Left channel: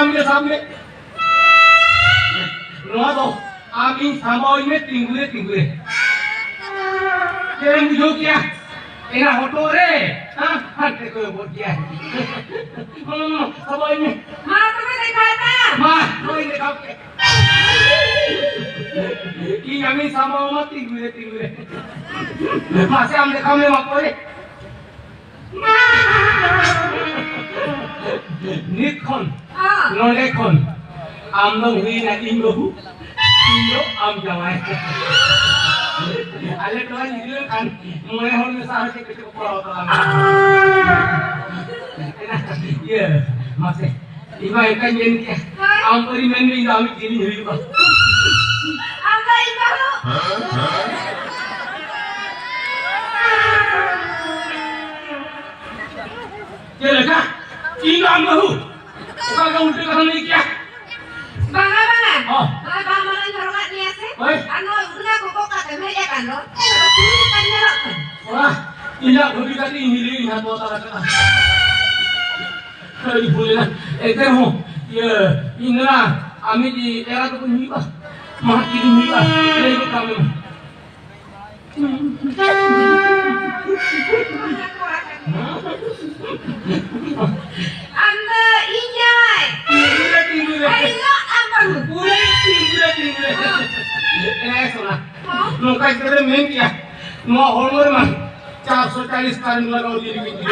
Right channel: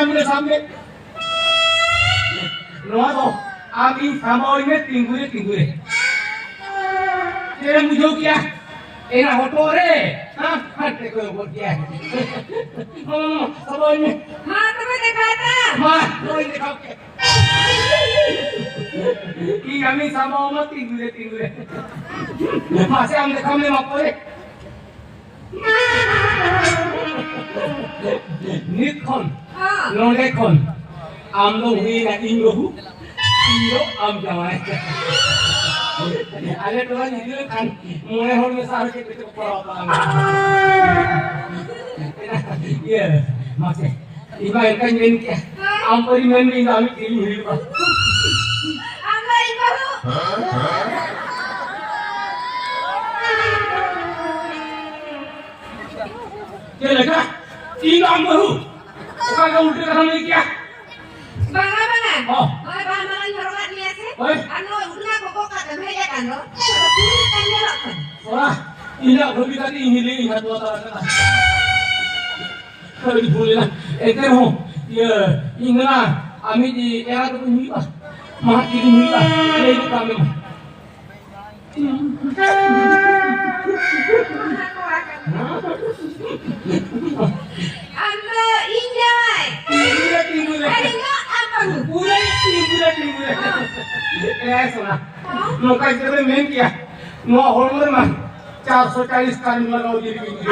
सामने नो आप इन सामोई में तिंगुरे तेरे मुझे क्या एना होटो रे हां हट को बोल क्या सामोई में मां तुम्हें दिखाता मां कोई दिखाओ के कि हमें सामो में तिंगुरे मां से हम दिखाओ ले मत रे निखन नोलेखन आम लोग हुई ना इंगो am jangan ada tuan ini kan mulai orang besar kita ke perawatan ya masih iba ikan ini ke am peri mendi kami kiri hari apa apa itu ya lega ini am bahu bukan kau udah kerana ini kia bangga oh Oi, ano udah kok kata meja kan lo? Ini kan nyerok. Wah, iya bagi tadi ini ingat buat apa? Kalau boleh lah, ho, ya, inilah, kami di era itu nipa, mati di nipa, itu kami. Anda injai. Tinggal. Ayo apa lu? tinggal. सुना नौका इतने में क्या नौ Homer में 440 कार्य लगाओ दीदी की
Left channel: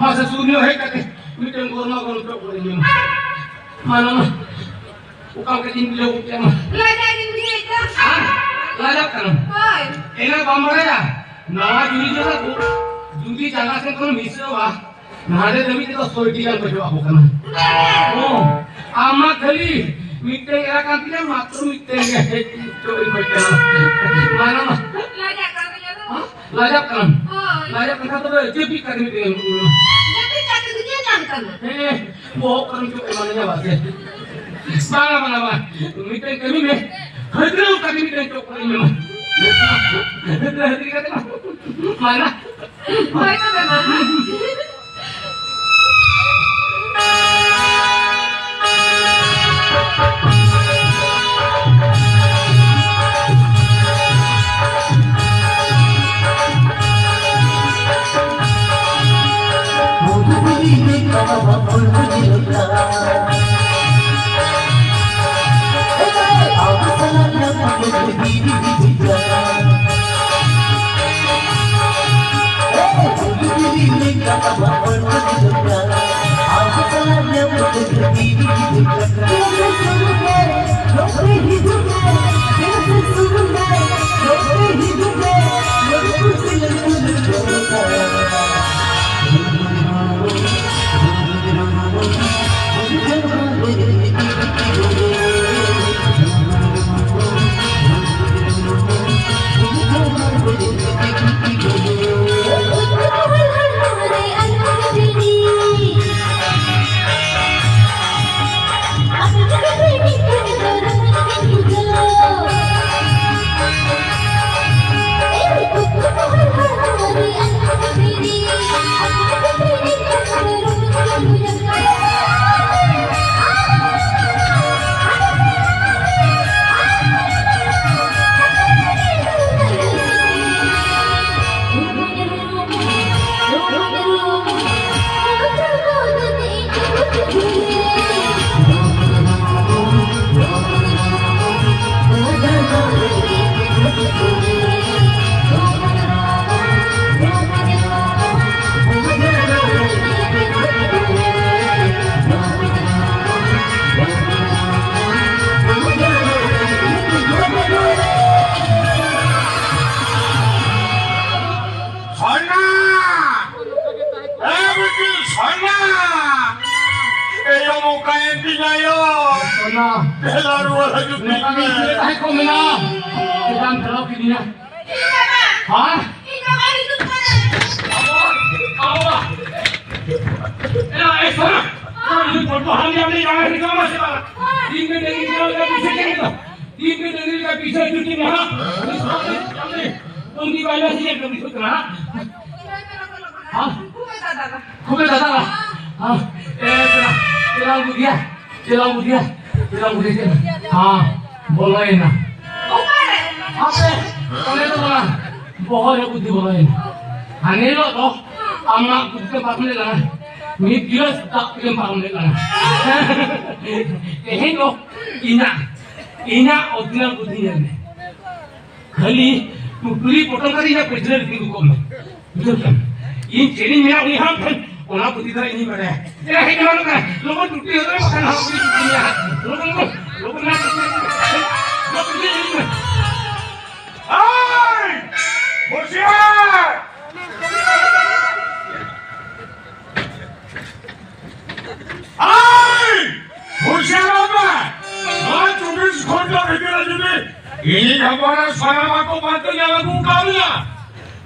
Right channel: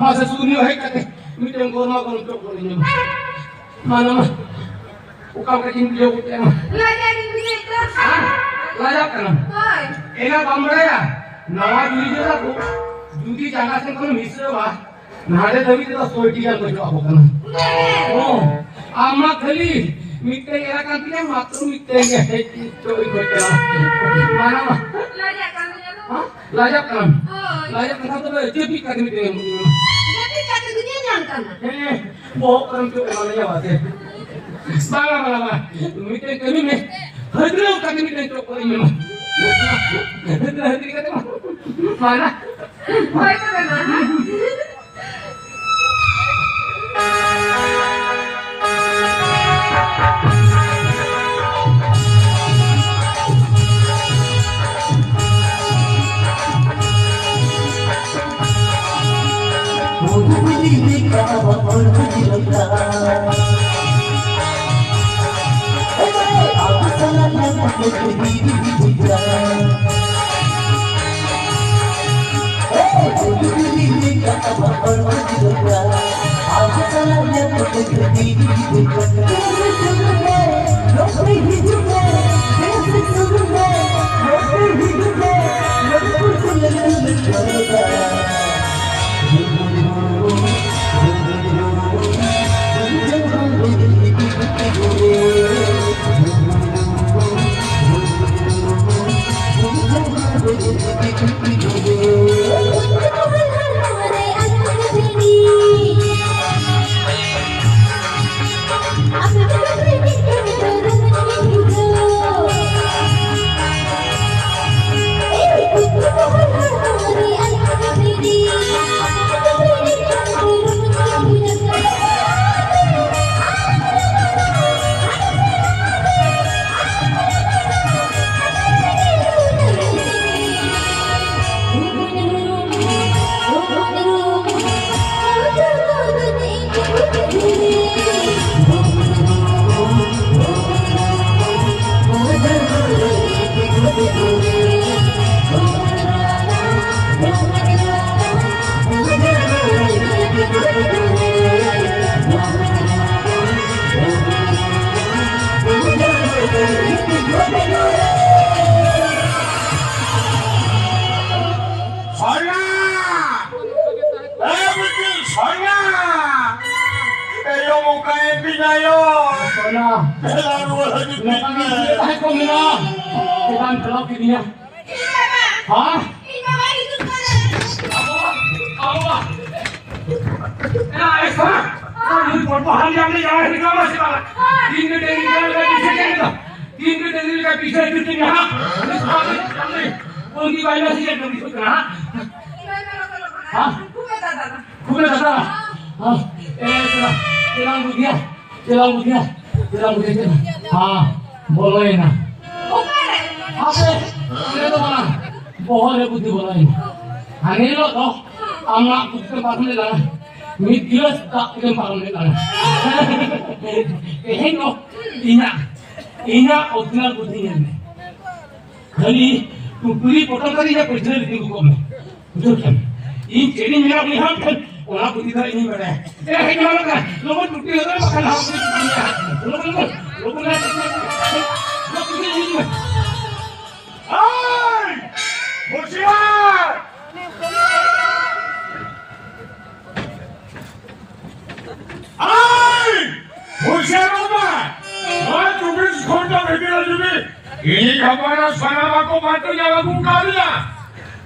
मासे सुनियो है कहते मीटिंग कोरमा को तो करेंगे मानो उकाम के दिन ले उठे ना लगा दिन ये तो लगा करना हाय एना बमड़ा या नवा जुली जरा को जुदी जगह से कोन मिसरो वा नारे दबी तो सोईटी का कुछ हो करना ओ आमा खली meeting era kantina matru meeting coy betul mana mah lajak kan ya lajak kan tuh jadi kan meeting jadi kata dunia nyangkan bawa kan tuh emangnya wae mana meeting kami nih hadro kan meeting tuh kali memang hadro kata mana itu bagaimana budia. हाँ बोलो ही ना Bukan. apa oleh itu mana bohong ya budi bolo ini ane lo to amma budi pakne lana mi dios tak kirim pakne lana kehen lo ina odina budi ne khali puri potong kari ya pejle rindu ko me betul in cheni mera ni ham ona budi da ini bade ya he lo ka logo tutti ho makan ha budi dunia logo na Hai! Hoşçakal! Hai! Hoşçakal be! Lan 24 ঘন্টা ভেতরে যাবে এই খবর সারামাকো মাত্র যাবে বুকালিয়া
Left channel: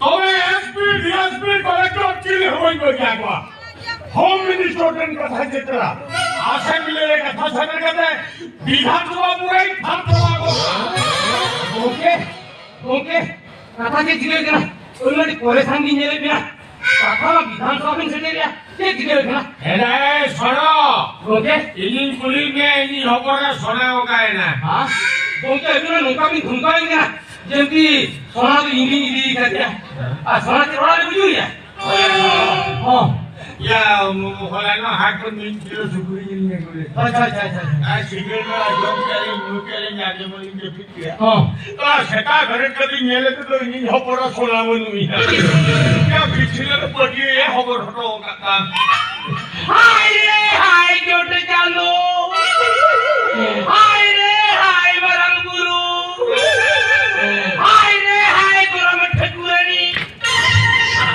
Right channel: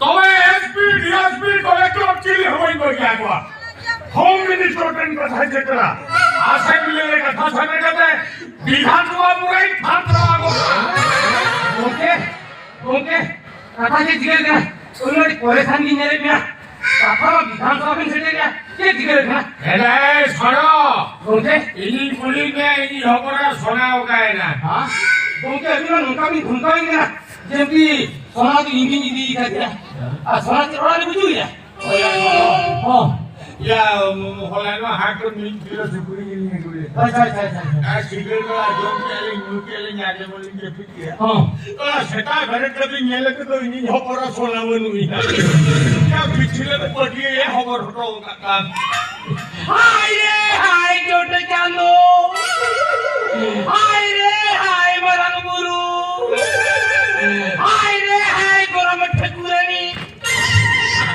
তবে SP DSP collector কি হইব একবার হোম মিনিস্টারের কথা যেটা অ্যাসেম্বলির কথা শুনে গেছে বিধানসভা পুরাই ফাঁকা ओके कथा के जिगे ना उन्होंने परेशान नहीं है ना कथा विधानसभा में से दिया के जिगे ना এরে শোনো ओके ইলিন কুলিন কে এই খবরটা শোনাও কায় না हां ओके अभी ना उनका भी घुमकाएंगे ना जबकि सोना की इंजन इदी कर दिया आ सोना चोरा ले बुझू या हां ইয়া হলানো হাত মিন কিলো সুপুরি ইলিন কুলি अच्छा আর সিগারেট একদম কালে মুখে নাকে বলি কে ফিটিয়া हां সেটা ঘরে যদি নেলে তো ইনি খবরটা শোনাবো নুই না পিছলে তো পড়িয়ে এই খবর হতো কাকা हाय रे हाय क्यों चालू हाय रे हाय बरंग गुरु हाय रे हाय गोरम ठकुरानी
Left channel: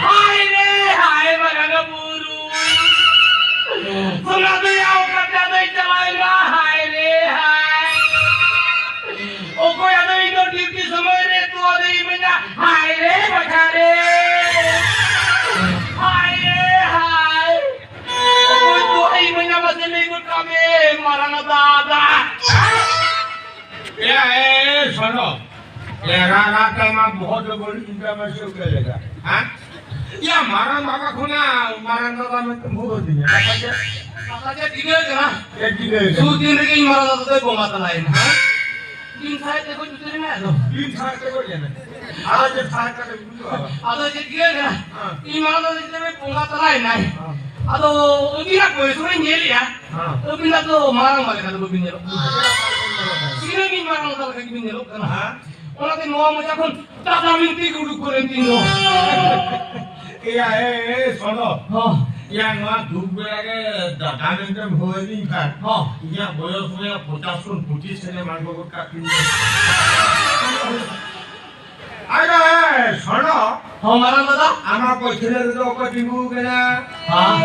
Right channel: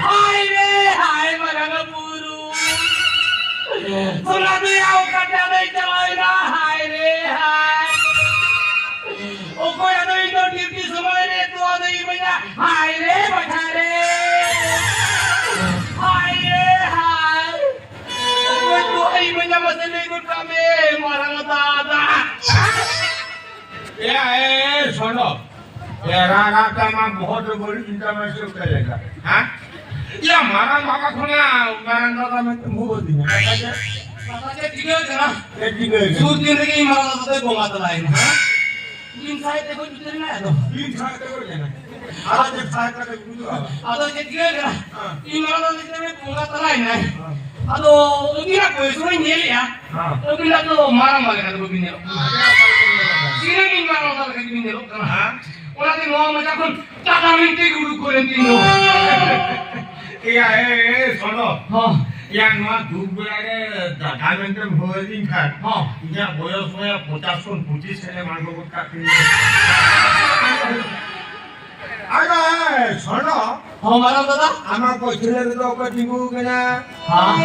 हाय रे हाय बरंग गुरु सुना दे आओ कटा दे चलाएगा हाय रे हाय ओ कोई आदमी तो ड्यूटी समय रे तू आदमी बजा हाय रे बचा रे हाय रे हाय ओ कोई तो आई बजा मसले को कमे मरना दादा ए सुनो ये राना का मां बहुत बड़ी चिंता में से करेगा हां या मारा बाबा खुना मारा दादा में तुम हो दिया Kakak tinggal kena. ये दिले Sutin lagi malah satu kau mata lain. Din saya teko jutir ni ada. दिन खाते को जाना आज जब खाते का बुझो आवा Ada je tinggal kena. Ini malah satu itu kau mata lain ni. Ada ini nak kau suruh nyeli ya. हां Ini nak tu marah malah kata begini lo. Sini ni marah malah kata begini lo. हां Orang tu mau macam pun tak tahu minti guru kuren tino. ये सुनो Oh, या no धूप बेरे दादा में तो भोजन खा oh. या बयस में 50 से मांगो को काटी अरे सुनो Oh marah tata. आमा पछले तो को दिबु केना हाँ.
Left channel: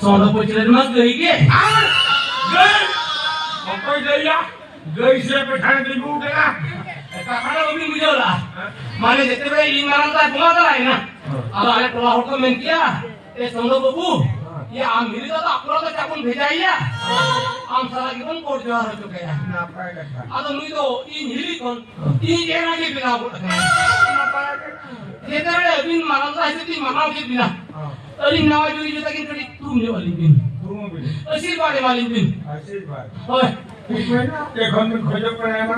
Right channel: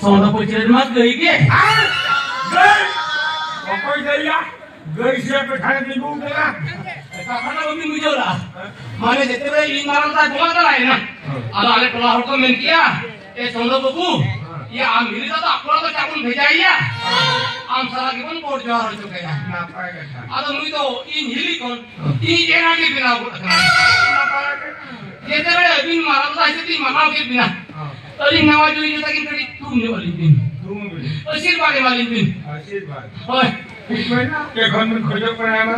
Soalnya pocilin mas gay ke. गई कोई दैया गई से पठान दिबु केना Kakak lebih muncul lah. Mana jete be ini marah tak cuma tak lain nah. Ada ada keluar hukum menkia. Sondo babu. Ya ambil itu tak keluar tu cakun bejai ya. Am salah lagi pun kotor jual harus juga ya. नापा का Ada mui tu ini hili kon. Ini jangan lagi bina aku tak kenal. Jete be bin marah tak itu mana lagi bina. Tadi nama jadi kita kini tadi tu ni balik bin. तुम भी Asir pada balik bin. आशीर्वाद Oi. कोई ना के घर में खोजो पर आमा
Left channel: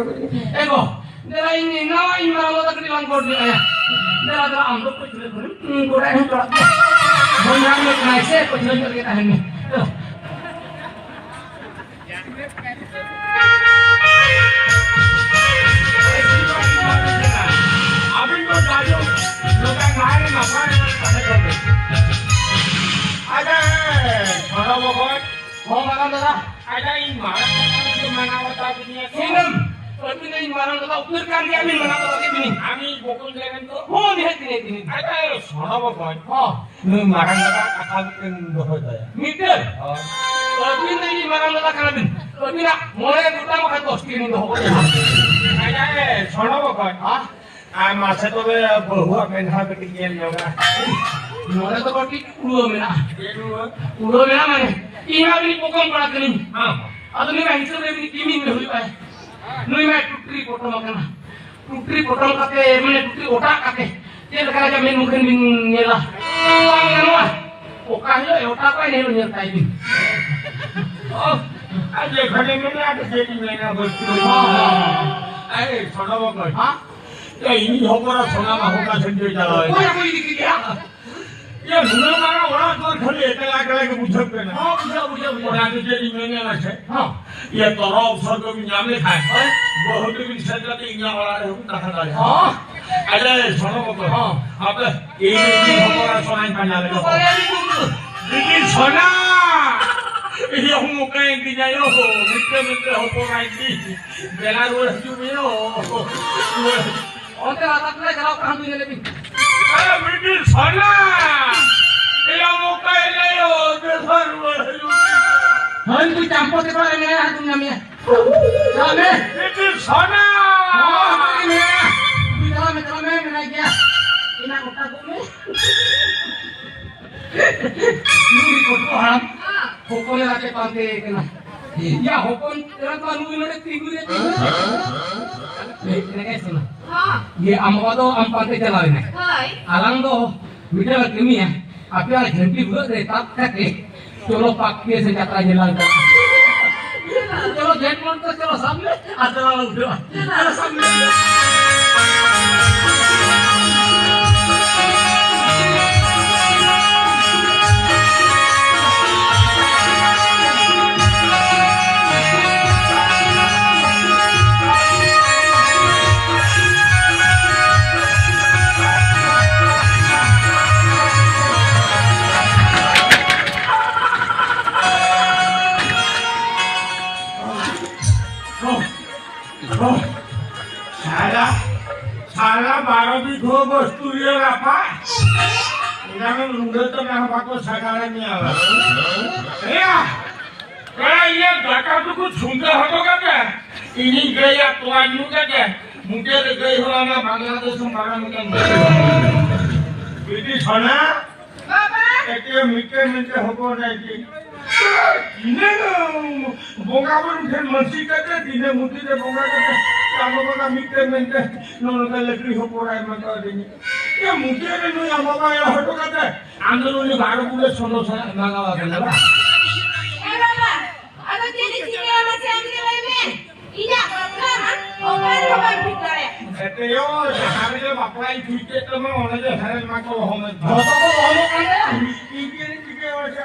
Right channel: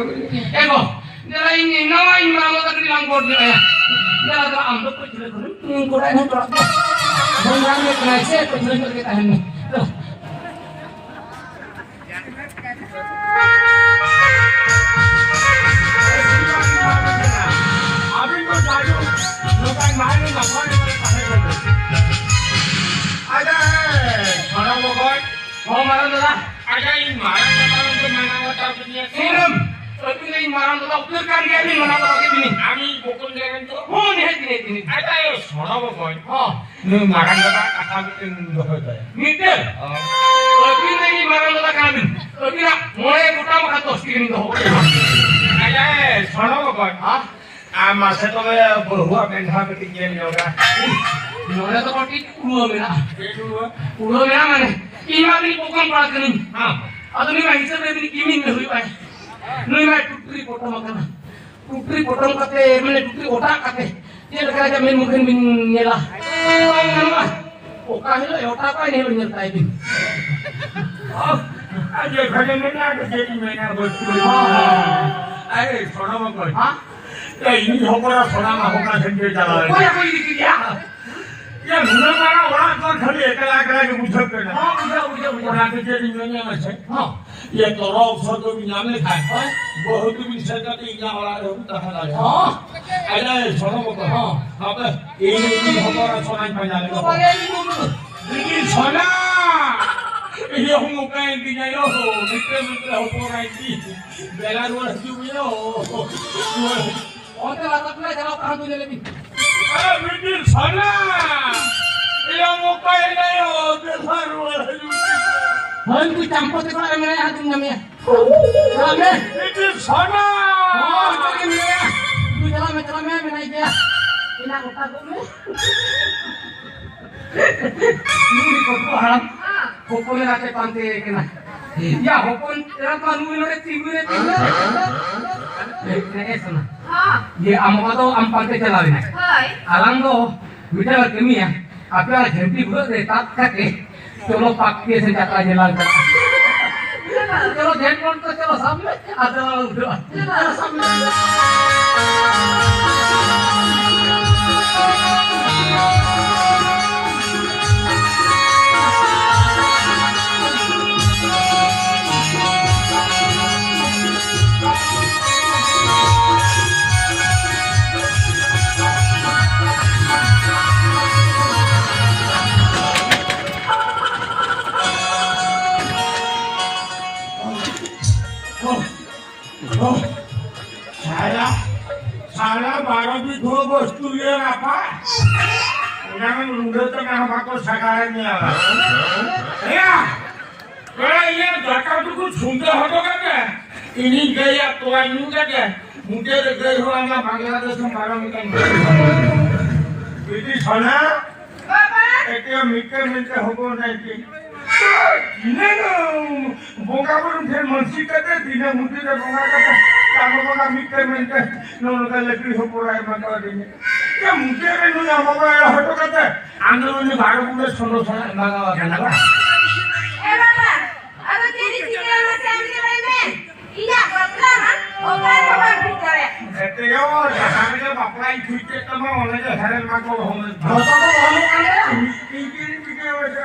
Ego, nela ini nawa ini malam tak di langkor dia ya. Nela ada amdo kecil kecil, korai yang korak. Bangang ni kena isi kecil kecil kita ini. अभी तो जाओ लोग मार नहीं मार आजा छोड़ा वो कोई Oh malam tu lah. आजा इन मार तो माना बता दुनिया Sinam, tapi ni malam tu lah. Ukir kan dia ni mana tu lagi ni. আমি বকুল জানেন তো Oh ni hati ni. আরে শোনাব কই Oh, নি মারান দাদা কথা কিন্তু হয়ে যায় mitel. Tapi ni malam tu lah kan bin. Tapi nak mulai kita makan tos kini tu. আরে শোনাব কই Ah, আমার সাথে বহুয়া বেঁধা বেটি গেল লগা mulai tu kaki kulo mina. একটু Kulo mina mana? Ina ni bukan parat ni. হ্যাঁ Aduni mai hisab ni kimin me hui pai. Nui mai tutri potong makana. Tutri potong kate mane tutri otak kate. Dia lekara jamin mungkin bin nyela. Pai nua. Oka hilo otak pai ni nyel tai bin. આજે ઘરે મેલા કે જેની મહિના બોલતી અરે સોના બાપા હા એ ઇની હોકરા સોનામાં હોકા સંજય ચાલે કોઈ દીકરી ગયા એ મુના મારા ઓળા પર ખાલી એકલા એકલા કે પૂછત કરે હા ઉજા ઓળા કે જેની મહિના છે હા ये तोरा अवसर को नाम लिखा है बहुत भी संगत इंगा वाला है हम कहा है હા अरे सुनो बाबा हाँ। अब ये भी हमारा सोना बना ले लेकिन सोना ये हम कहीं की जायो मित्र मित्र हो पोराई की बेलारूस जुमियो और ते आता तुला जरा काम तुझे लेकिन अरे मित्र सोना ये हम कहीं ले हो बेलारूस हन तू चंपो ते पर मैं हाथ दूंगा मैं सामने मित्र सोना तू मैं नहीं क्या इना कोटा को में नूरी को हम હા होकोले आके पांते के ना या होकोन तेरा कानू इन्होंने तिगुरे ने सुना હા ये अम्मा तो हम पांते चला लेना હોય आरंगो वीडियो केमी है आपल्या घंटी भर देतात खाते चलो पाक्के से जाता जेला चलो जेट मोड तो चलो सामने आता उठो सामने सारा 12 भी दो वस्तु ये रापा उन्हें लूंगे तो मैं हमको सगाने नहीं आवा ये जाता तो कुछ सुनते हो तो क्या इन्हीं गया तो इन्हीं का क्या मुझे तो गई हो ना बांग्लादेश में मारा मुझे बेटी सोना બાબા एक मीठे मीठे हो नहीं की इन्हें बोंगा पर फिर मस्ती करते दिने मुझे तो बोंगा करते चारों बोंगा मीठे मीठे नौका लकड़ी हो पड़ा है मैं कर देंगे ये मुझे भी नहीं हमारा हटो करते आंदोलन में भाग पूरे सोलो सोना लगा करना એ બાબા આ તો તેરી સિનેમા સાઈડ કે લઈને ઈના પકડા માં ઓકાર હોવા ભીતરે એટલે યો જહાંગીર બાપરાઈ ફીટે તમે ઓને જે હેરેલ માં કો હોમે होतो तो होनो करे પીકે હોય છે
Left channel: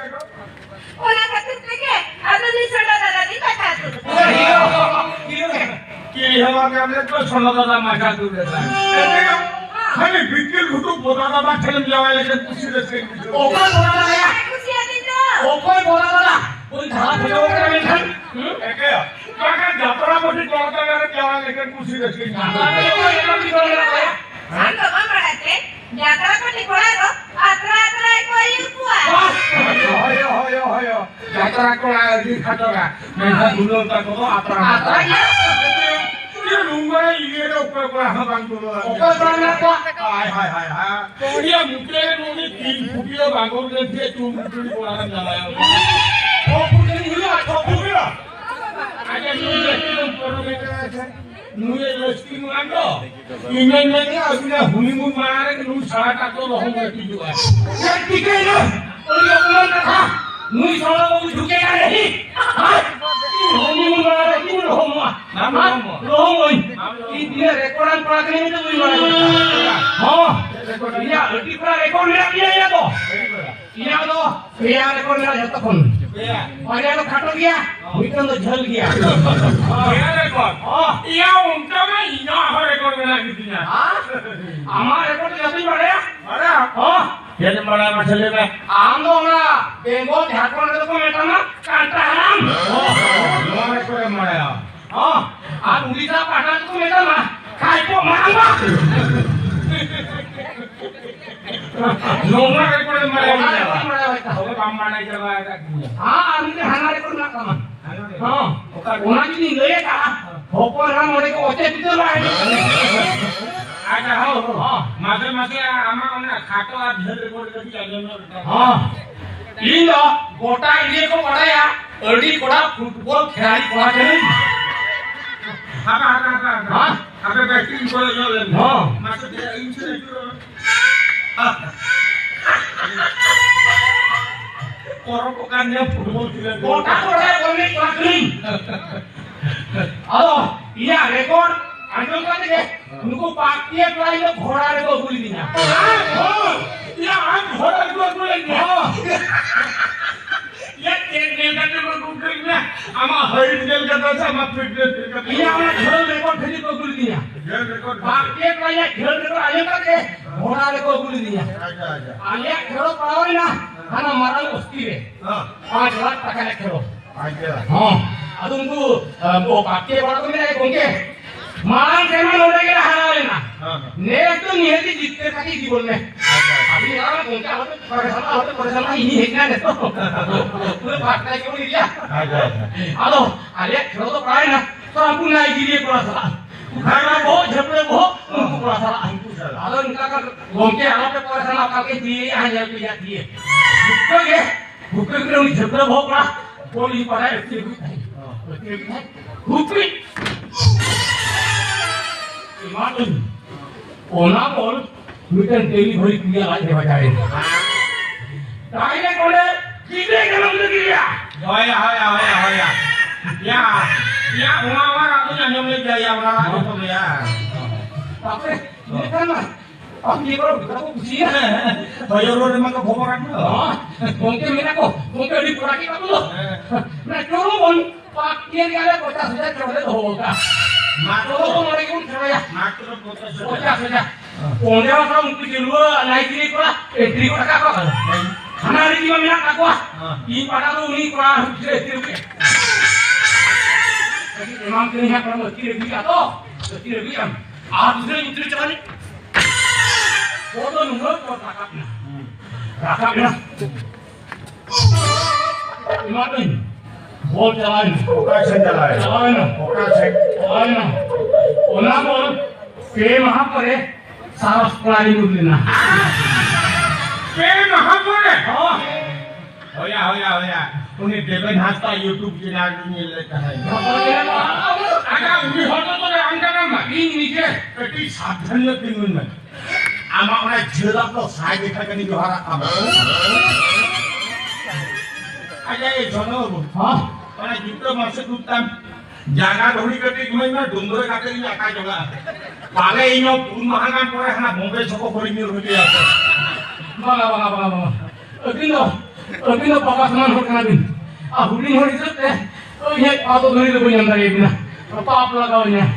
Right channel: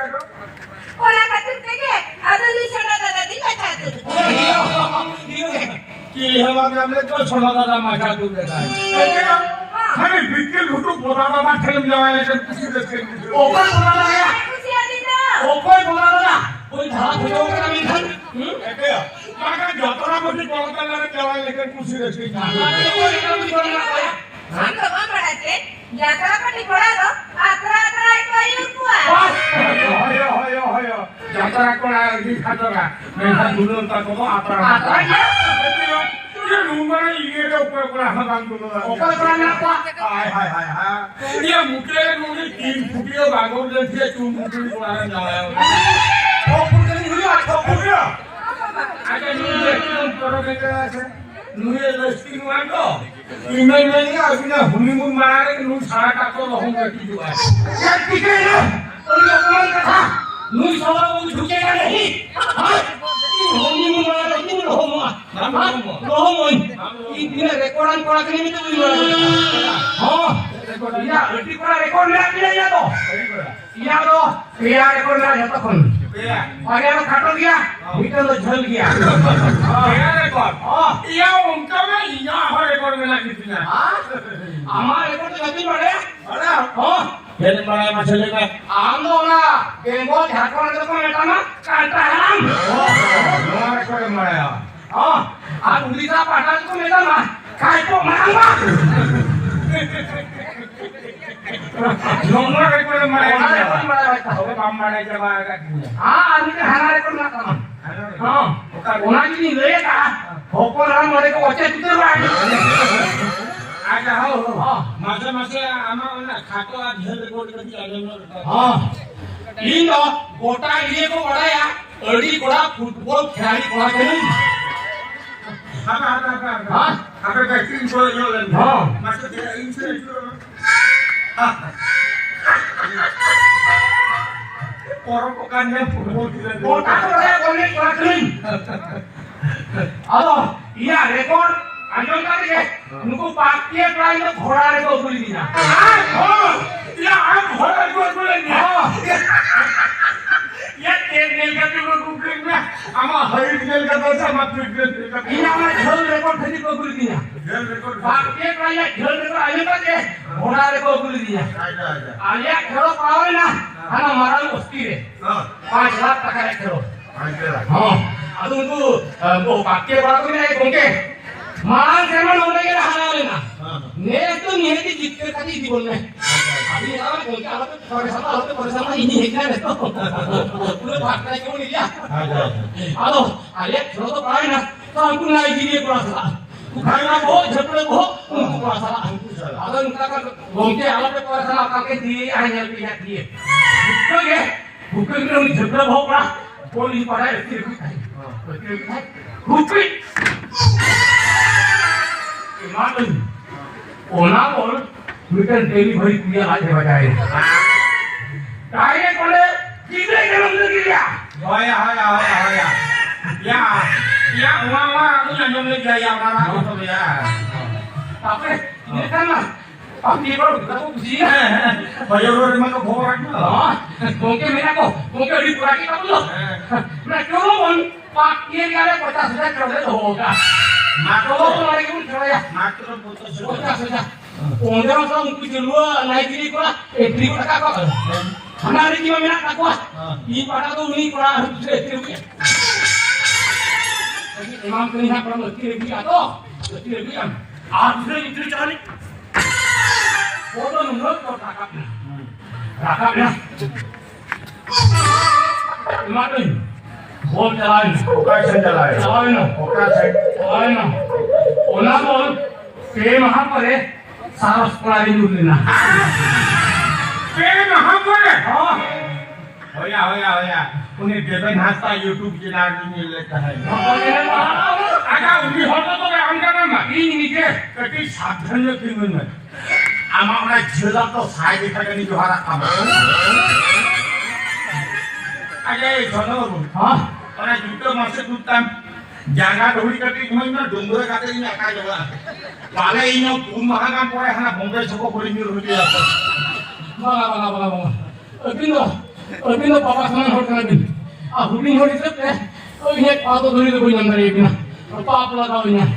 ઓના ખાતે કે આ તો નિસડા દાદા દી પછાતું કે હવા કે हमने तो सोलो दादा माथा तू देता है खाली पीके लूटू पोताना માં ઠેમ જવાય એટલે પૂછી દે ऊपर बोला गया ખુશી આદી તો ऊपर बोला गया कोई धारा फुटो करे में खन એકે કાકા જતરા મોટી કોળતા લાગે કેવા લેકે પૂછી દે છે આમ તો બાબા યાત્રા કરી કોળારો આત્રા આત્રા કોઈ ઉપવા હોય હોય હોય જતરા કોળા દી ખાતરા મેં ભૂલો તા કો આતરા आता ये ये नुंगरा ईरे ऊपर कोळा हा काम करू ऊपर बोला को हाय हाय हाय हाय ये मुके नुनी 3 फुटियो भागो दे छे तू मुके कोळा जाय ओ पुरकनी हुआ तो फुटियो आगे नुये ऊपर के છે નુએ રસ્તી માંડો ઈમે મેની આસુના હુનીમુન મારે નું સારા કાતો રહું બેઠી જો ये टिके ना और ये अपमान रखा नुई साला वो झुकेगा नहीं हां होनी मुंगा नहीं होमा होमा ई दिन रेकॉर्ड पाकने में तो हां या अल्टी पूरा रेकॉर्ड में आ गया तो या रेकॉर्ड में जाता कौन और यार काटो गया मीटर तो झल गया या रेकॉर्ड या उनका में या हर रेकॉर्ड में लगी थी ना हमारा रेकॉर्ड जल्दी बढ़े बड़ा हां ये बड़ा मसले में आंदो ना बेंगोल झारखंड को मेटा ना कांटा हम नो रेकॉर्ड माया हां आ उड़ीसा पाटा को मेटा ना काय को मांगा नो रेकॉर्ड माया હવે કામ માડા જવા हां आम्ही ते हमारे को ना काम हां कोणाची नाही लय का होको राम मध्ये को वच्चे तिथे लागे आजा हो हां मासे मासे आमा ओना खातो आ झल रेकॉर्ड करी आगे हां इन गोटा इले को पड़ाया अडी कोड़ा फुटबॉल खिलाड़ी कोड़ा करी हां हां આપણે બેટિંગ કરો જો લે हां માસે insurance Korokokannya football tidak. Kota orang boleh kelakuin. Halo, iya rekor. Anjong tadi deh. Nunggu pakai pelayan itu घोड़ा rekor bulinya. Oh, ya घोड़ा rekor bulinya. Oh, Ya टेल का जो बुकिंगला आमा हाई टेल का तो sama ट्रिपल का. ini apa घोड़ा rekor tadi kau bulinya. टेल rekor. Pakai pelayan घोड़ा rekor anjong tadi deh. घोड़ा rekor bulinya. Ayah घोड़ा पावे ना. karena marah mesti deh. 5 lakh टका rekor. हाँ, ಅದು ಒಂದು ಪಾಕ್ಯ ಬರೋದ್ರೆ ಕೊಂಕೆ ಮಾನ್ ಸೇಮ ನೋಡಗೆ ಹಾಳಾಲೇನಾ ನೇತು ನಿಹತಿ जितने खाती दी बोलने अभी यार ಕೊಂಕೆ आवत परेशान इनी हेकना ने तो पूरे भागता क्यों नहीं दिया हेलो अरे छोड़ो तो पाए ना तो हमको नाइजीरिया पड़ा था खाना बहुत झपड़े बहुत उनको पड़ा था हेलो इनका का ಕೊಂಕೆ आवत परेशान आपका के दिए आ दिए भूखे के झपड़े बहुत पड़ा बोली पड़ा है Hukri. Iman orang pun bukan daily beri dia lagi bacaan. Kaya kalau kita kalau dia. Ya. Ya, mama aku nyanyong gaya orang itu ya. Tapi ini kan lah. Tapi kalau kita pun sih. Bayar orang mana kau bawa kan? Mungkin mereka kok, mungkin di kuraki kamu loh. Mereka pun pakai kali 50,000 crore तो होगा मात्र तो लड़ाई कौन करेगा मात्र 50,000 ओंदे वाला उनको जिलवा नाइजीरिया को एंट्री को टका को हमारे जीवन में ना को ये पड़ा तो उन्हीं को एंट्री को लेकिन इमाम के यहाँ पर लड़की भी आ तो लड़की भी हम आप दूसरे एंट्री चलाने वो तो नंबर को रखा ना इमाम बोल चलाए ना ओना बोल के वहां पर है सारा प्राणी लूट लेना पे वहां पर है हां होया उन्हें देवन हास्ता YouTube चैनल में लेता है आगा उन्हीं होतो तो अंका ना इन नीचे कटी साधन लेके में आमा ना जिला तो साइ देखा कनी जोहारा काम आगे चलो हां karena juga masuk hutan jangan dulu ketik mana donggo kata ini akan juga paling ini kumahan pore hana bombe soko berinir dia bang अभी पापा समान हो गया दिन आ हुडिंग हो सकते तो ये पातो धोनी तो कोई अंदर ये बिना तो पाप लगाओ इन्हें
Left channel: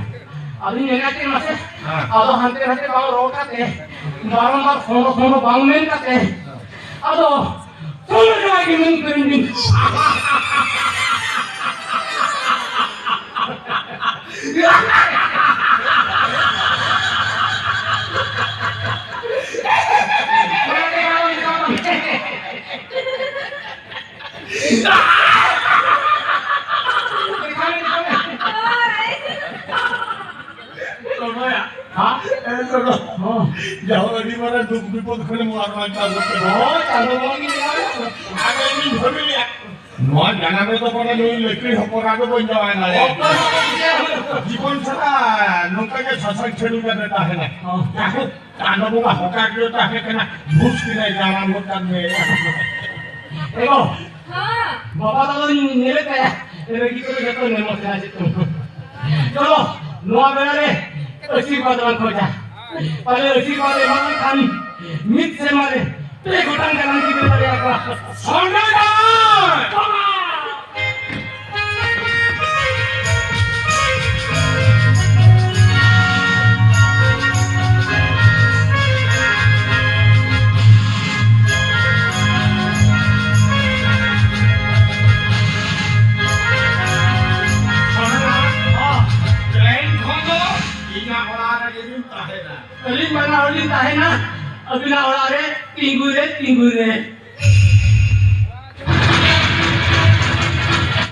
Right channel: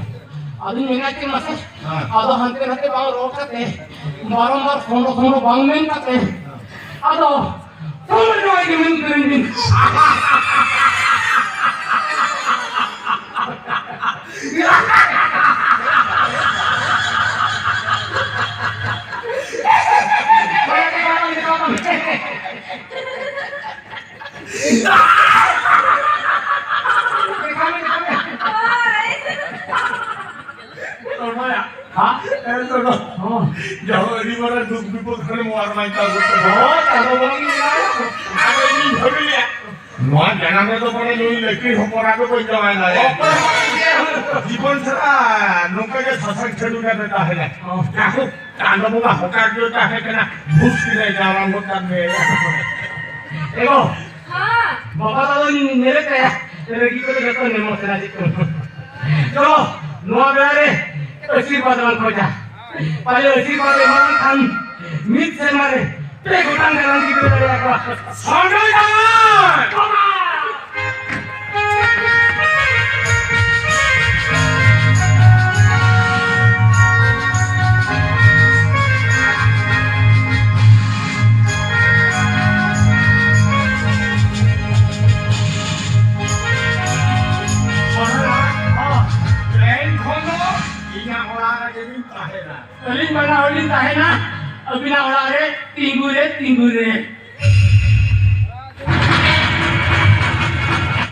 अभी मेरा के मसे आदो हंते हंते बांग रोकाते बारंबार सोनो बांग में काते आदो तुम जो है कि मैं करेंगे Jauh di mana duk hari muar macam itu. kalau lagi Apa ini hobi ya? Muar jangan itu pada dulu lagi hopor aku pun jalan aja. Jipon sera, nunggu ke sasak celu kan dah है. Aku tanda buka hokar dia dah है kena bus kira jalan bukan ni. Ego, हाँ बाबा दादा मेरे पे लड़की को देखो Nemo से आज चलो नोआ बेरे अच्छी बात हो जा पहले अच्छी बात है मां खान मिट से मारे पे घुटन करन की करे आका Sondaikan. कलिंग बना वाली है ना अभी ना वाला रे टिंगू रे